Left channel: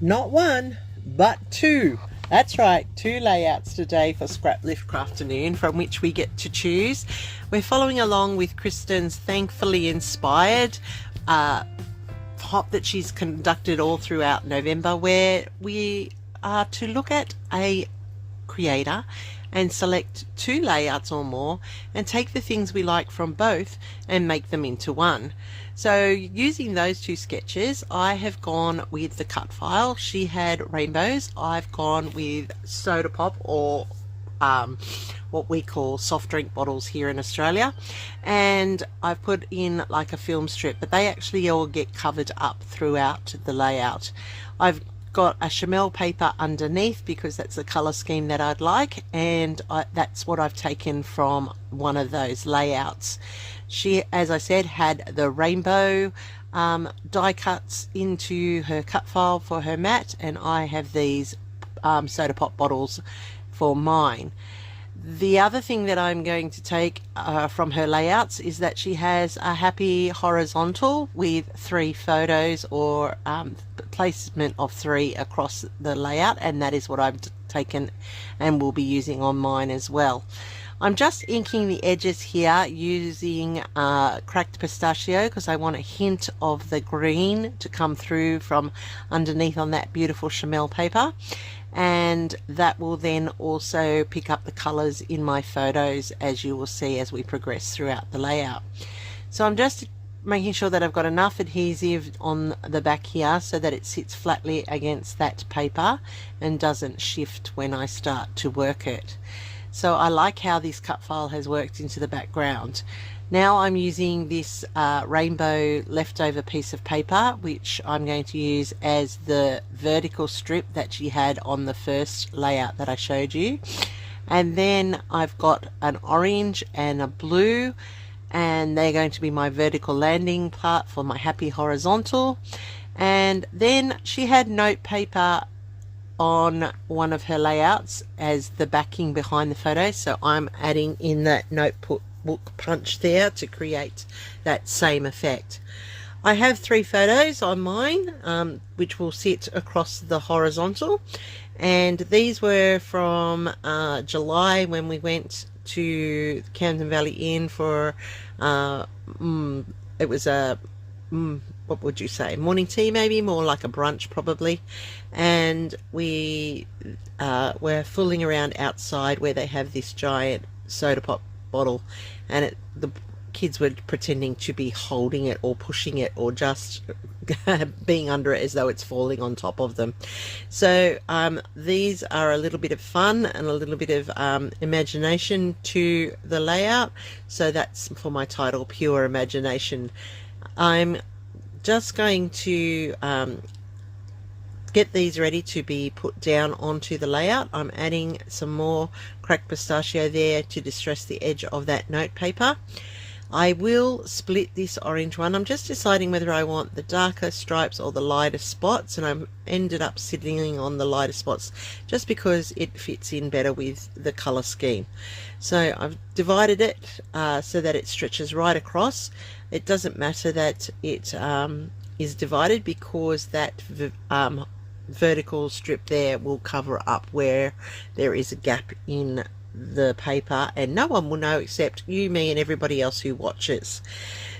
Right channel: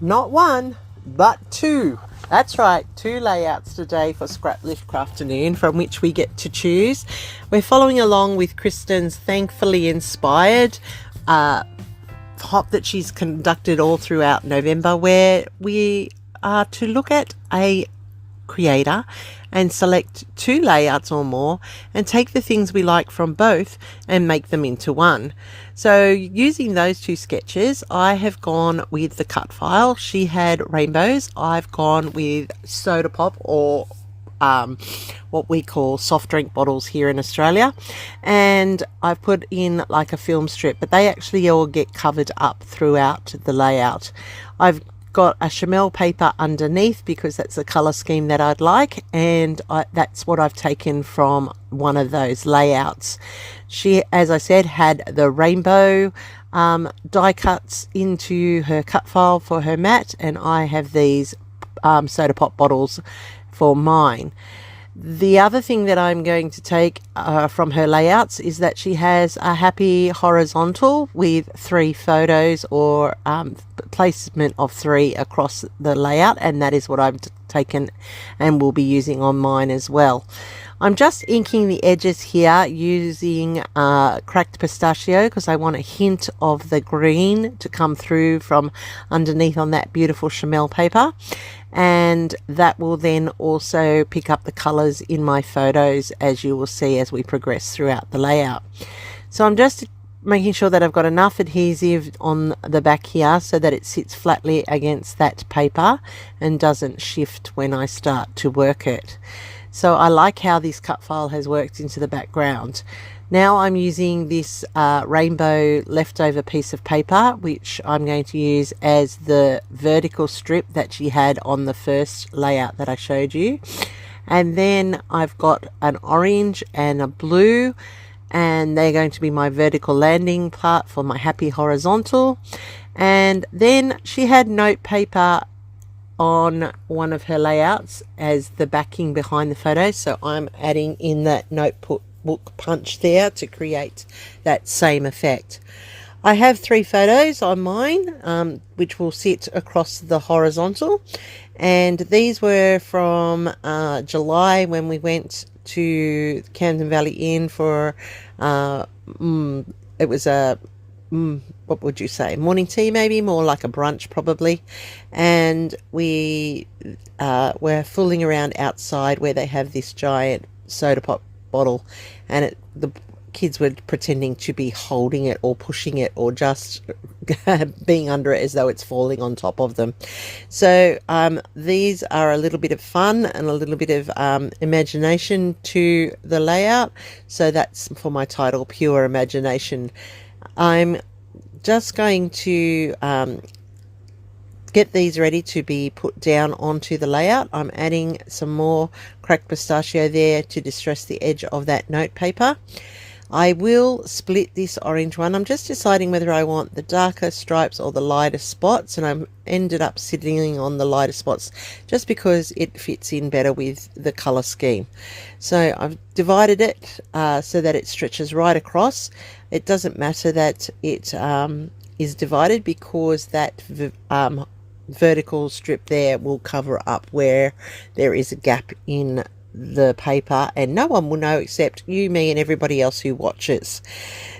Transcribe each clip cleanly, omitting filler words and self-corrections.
Not one, but two. That's right, two layouts today for Scraplift Crafternoon from which we get to choose. We're following along with Kristen's thankfully inspired hop that she's conducted all throughout November, where we are to look at a creator and select two layouts or more and take the things we like from both and make them into one. So using those two sketches, I have gone with the cut file. She had rainbows. I've gone with soda pop, or what we call soft drink bottles here in Australia, and I've put in like a film strip, but they actually all get covered up throughout the layout. I've got a chamel paper underneath because that's the color scheme that I'd like, and that's what I've taken from one of those layouts. She, as I said, had the rainbow die cuts into her cut file for her mat, and I have these soda pop bottles for mine. The other thing that I'm going to take from her layouts is that she has a happy horizontal with 3 photos, or placement of 3 across the layout, and that is what I've taken and will be using on mine as well. I'm just inking the edges here using cracked pistachio because I want a hint of the green to come through from underneath on that beautiful chamel paper, and that will then also pick up the colors in my photos, as you will see as we progress throughout the layout. So I'm just making sure that I've got enough adhesive on the back here so that it sits flatly against that paper and doesn't shift when I start to work it. So I like how this cut file has worked into the background. Now I'm using this rainbow leftover piece of paper, which I'm going to use as the vertical strip that she had on the first layout that I showed you. And then I've got an orange and a blue, and they're going to be my vertical landing part for my happy horizontal. And then she had note paper on one of her layouts as the backing behind the photos, so I'm adding in that notebook punch there to create that same effect. I have 3 photos on mine which will sit across the horizontal, and these were from July when we went to Camden Valley Inn for it was a what would you say, morning tea, maybe more like a brunch probably, and we were fooling around outside where they have this giant soda pop bottle, and the kids were pretending to be holding it or pushing it or just being under it as though it's falling on top of them. So these are a little bit of fun and a little bit of imagination to the layout, so that's for my title, Pure Imagination. I'm just going to get these ready to be put down onto the layout. I'm adding some more cracked pistachio there to distress the edge of that note paper. I will split this orange one. I'm just deciding whether I want the darker stripes or the lighter spots, and I ended up settling on the lighter spots just because it fits in better with the color scheme. So I've divided it so that it stretches right across. It doesn't matter that it is divided because that vertical strip there will cover up where there is a gap in the paper, and no one will know except you, me, and everybody else who watches.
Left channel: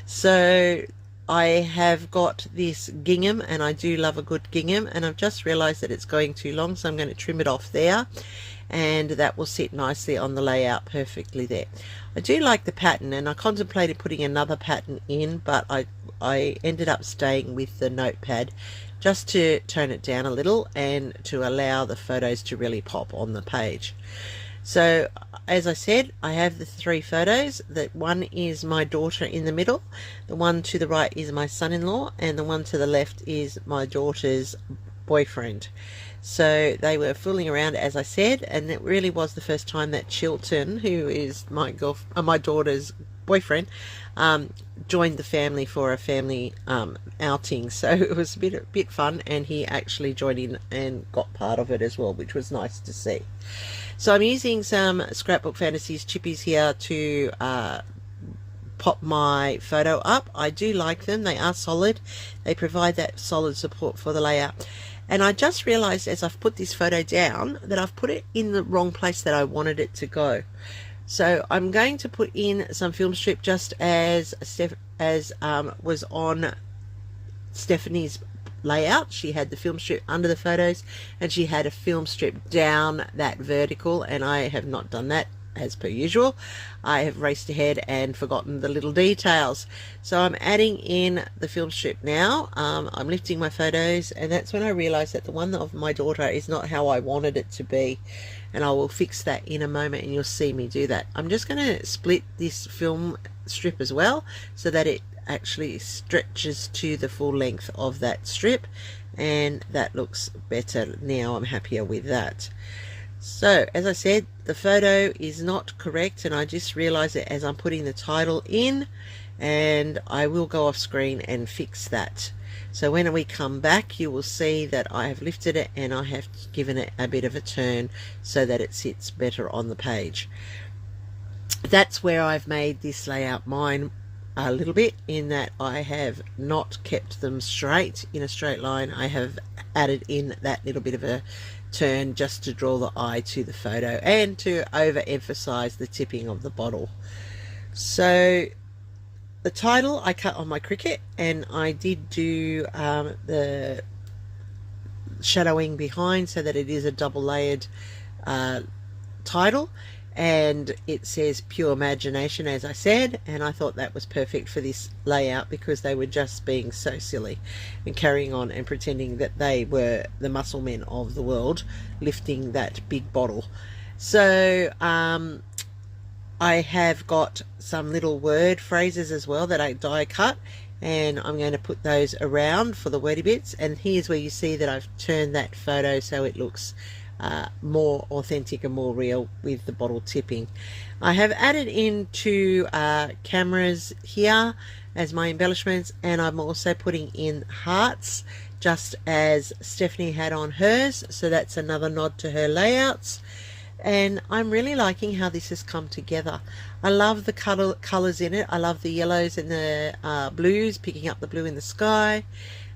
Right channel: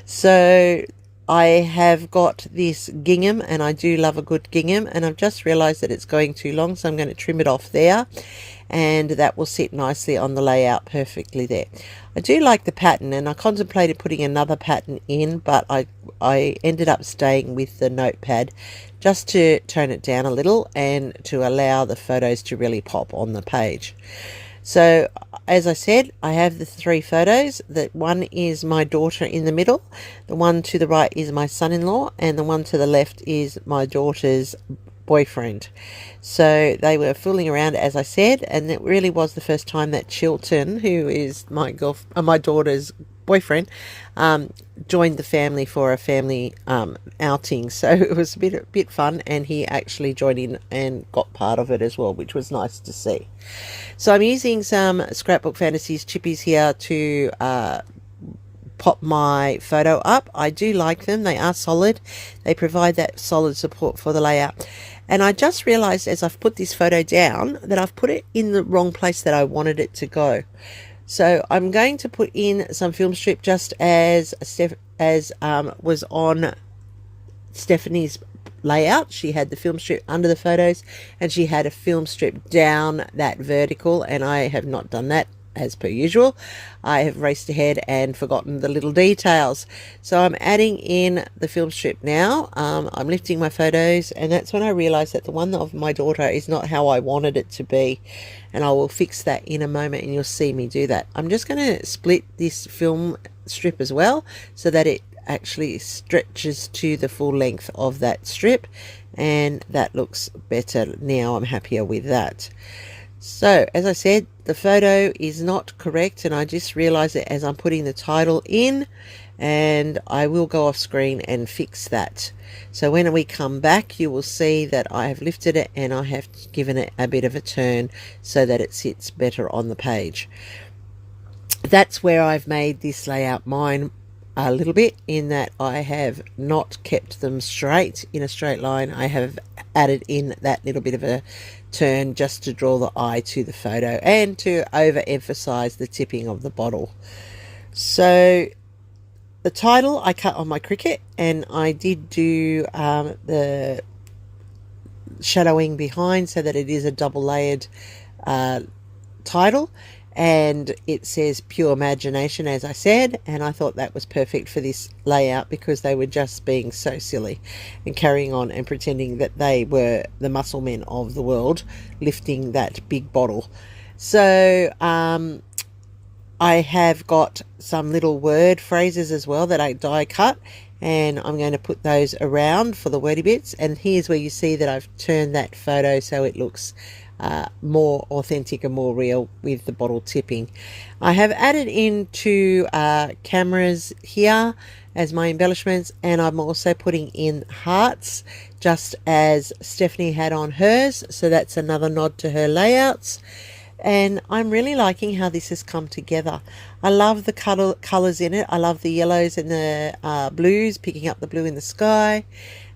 So I have got this gingham, and I do love a good gingham, and I've just realized that it's going too long, so I'm going to trim it off there, and that will sit nicely on the layout perfectly there. I do like the pattern, and I contemplated putting another pattern in, but I ended up staying with the notepad just to tone it down a little and to allow the photos to really pop on the page. So as I said, I have the 3 photos. That one is my daughter in the middle, the one to the right is my son-in-law, and the one to the left is my daughter's boyfriend. So they were fooling around, as I said, and it really was the first time that Chilton, who is my daughter's boyfriend, joined the family for a family outing. So it was a bit fun, and he actually joined in and got part of it as well, which was nice to see. So I'm using some Scrapbook Fantasies chippies here to pop my photo up. I do like them. They are solid. They provide that solid support for the layout. And I just realized as I've put this photo down that I've put it in the wrong place that I wanted it to go. So I'm going to put in some film strip just as was on Stephanie's layout. She had the film strip under the photos and she had a film strip down that vertical, and I have not done that as per usual. I have raced ahead and forgotten the little details. So I'm adding in the film strip now. I'm lifting my photos, and that's when I realized that the one of my daughter is not how I wanted it to be, and I will fix that in a moment and you'll see me do that. I'm just going to split this film strip as well so that it actually stretches to the full length of that strip, and that looks better now. I'm happier with that. So as I said, the photo is not correct, and I just realized it as I'm putting the title in, and I will go off screen and fix that. So when we come back, you will see that I have lifted it and I have given it a bit of a turn so that it sits better on the page. That's where I've made this layout mine a little bit, in that I have not kept them straight in a straight line. I have added in that little bit of a turn just to draw the eye to the photo and to overemphasize the tipping of the bottle. So the title I cut on my Cricut, and I did do the shadowing behind so that it is a double layered title, and it says pure imagination, as I said, and I thought that was perfect for this layout because they were just being so silly and carrying on and pretending that they were the muscle men of the world lifting that big bottle. So I have got some little word phrases as well that I die cut, and I'm going to put those around for the wordy bits. And here's where you see that I've turned that photo so it looks more authentic and more real with the bottle tipping. I have added into cameras here as my embellishments, and I'm also putting in hearts just as Stephanie had on hers, so that's another nod to her layouts. And I'm really liking how this has come together. I love the colors in it. I love the yellows and the blues, picking up the blue in the sky.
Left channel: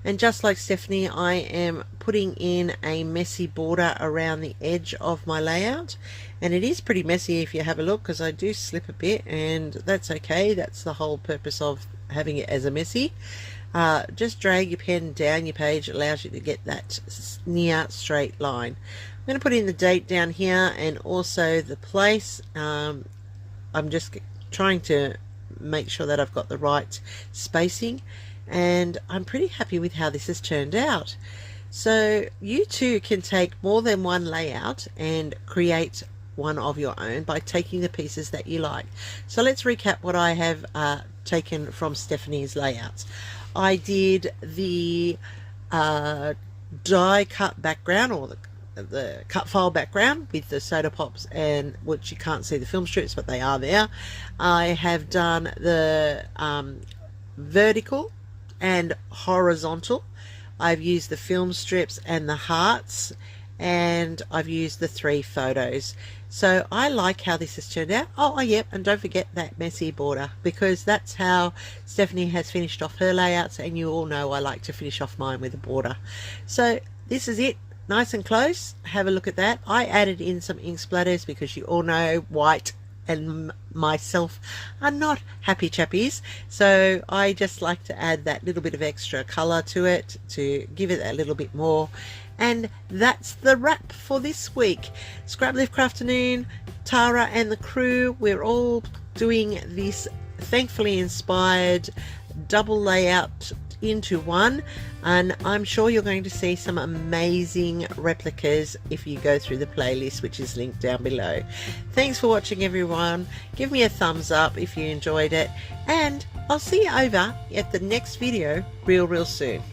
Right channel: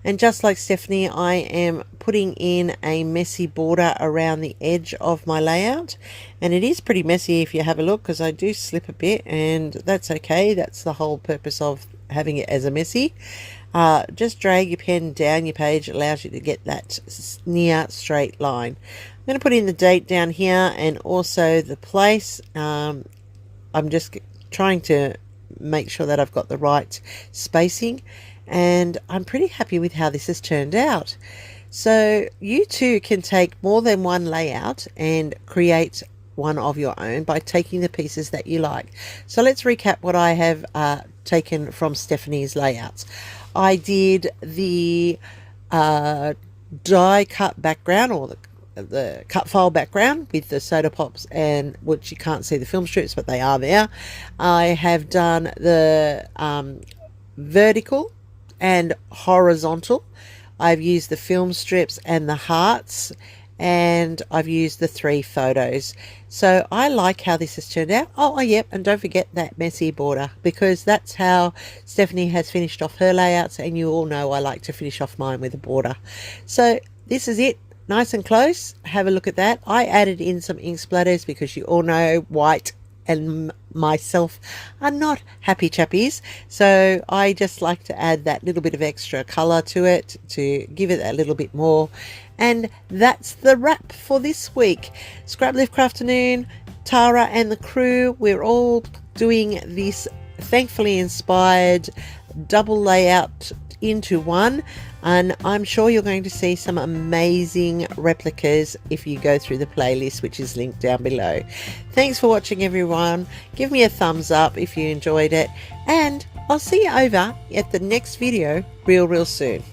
And just like Stephanie, I am putting in a messy border around the edge of my layout. And it is pretty messy if you have a look, because I do slip a bit, and that's okay. That's the whole purpose of having it as a messy. Just drag your pen down your page. It allows you to get that near straight line. I'm going to put in the date down here and also the place. I'm just trying to make sure that I've got the right spacing, and I'm pretty happy with how this has turned out. So you too can take more than one layout and create one of your own by taking the pieces that you like. So let's recap what I have taken from Stephanie's layouts. I did the die cut background, or the cut file background with the soda pops, and which you can't see the film strips, but they are there. I have done the vertical and horizontal. I've used the film strips and the hearts, and I've used the 3 photos. So I like how this has turned out. Oh, yep, and don't forget that messy border, because that's how Stephanie has finished off her layouts, and you all know I like to finish off mine with a border. So this is it, nice and close. Have a look at that. I added in some ink splatters because you all know white and myself are not happy chappies, so I just like to add that little bit of extra color to it to give it a little bit more. And that's the wrap for this week. Scraplift Crafternoon, Tara and the crew, we're all doing this thankfully inspired double layout into one, and I'm sure you're going to see some amazing replicas if you go through the playlist, which is linked down below. Thanks for watching, everyone. Give me a thumbs up if you enjoyed it, and I'll see you over at the next video real soon.